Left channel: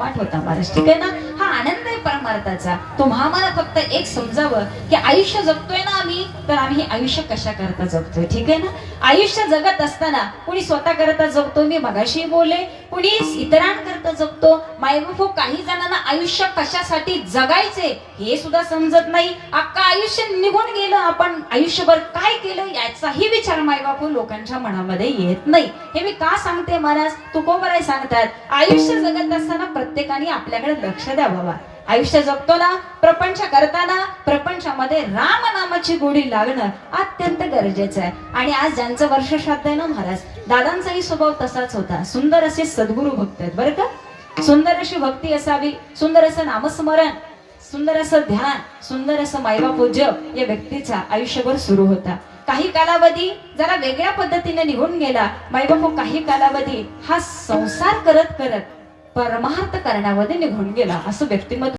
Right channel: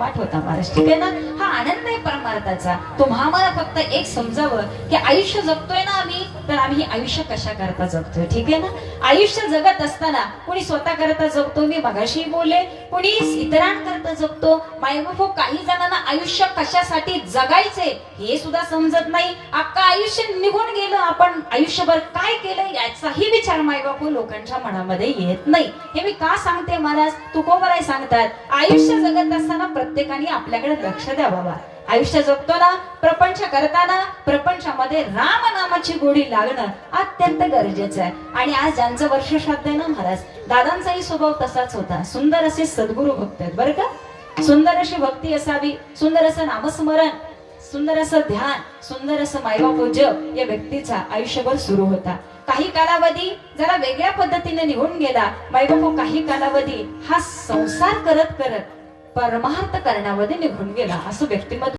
कर्माट होता महाराज, ठीक आहे ना. हा आनंद आहे परमार्थाचा. तुम्हाला फक्त एक समजावं की आयुष्य जगतोय ना आम्ही, तर आम्ही आयुष्य कशा करता जगतोय, ठीक आहे ना. आयुष्य जगत असताना कोणी स्वतः करता जगतो, मी मगाशी बोलले, कोणी इतरांकरता जगतो. मायबापू काही जणांना आयुष्य कशासाठी जगायचे हे सुद्धा समजत नाही. अख्खा आयुष्य निघून गेलं, आपण आयुष्यभर काय केलं याचाही विचार मायबापू लोकांच्या मनामध्ये येत नाही. हे मी का सांगते महाराज, तुकोबराय सांगतात, आयुष्य जगत असताना प्रत्येकाने आपल्याकडे लक्ष द्या बाबा. आयुष्य जगताना, प्रपंच करताना प्रपंचामध्ये राम नामाची गोडी लागणं अत्यंत गरजेचं आहे. आणि आज ज्यांचं वर्षश्राद्ध आहे ना महाराज, दादांचाही स्वभाव तसाच होता. सुंदर असे सद्गुरू भक्त आहेत बरं का. सुंदर अशी भक्ती असावी, सुंदर असं नामस्मरण, सुंदर असं ध्यान, सुंदर असं मायबापू जप या व्यक्तीचा आयुष्यभर सुरू होता. काही कालावधी जरा वेगळ्या पद्धतीने निघून गेला मायबापू. काही कालावधी हा संसार करत करत परमार्थ करण्यामध्ये निघून गेला. असं व्यक्तिमत्व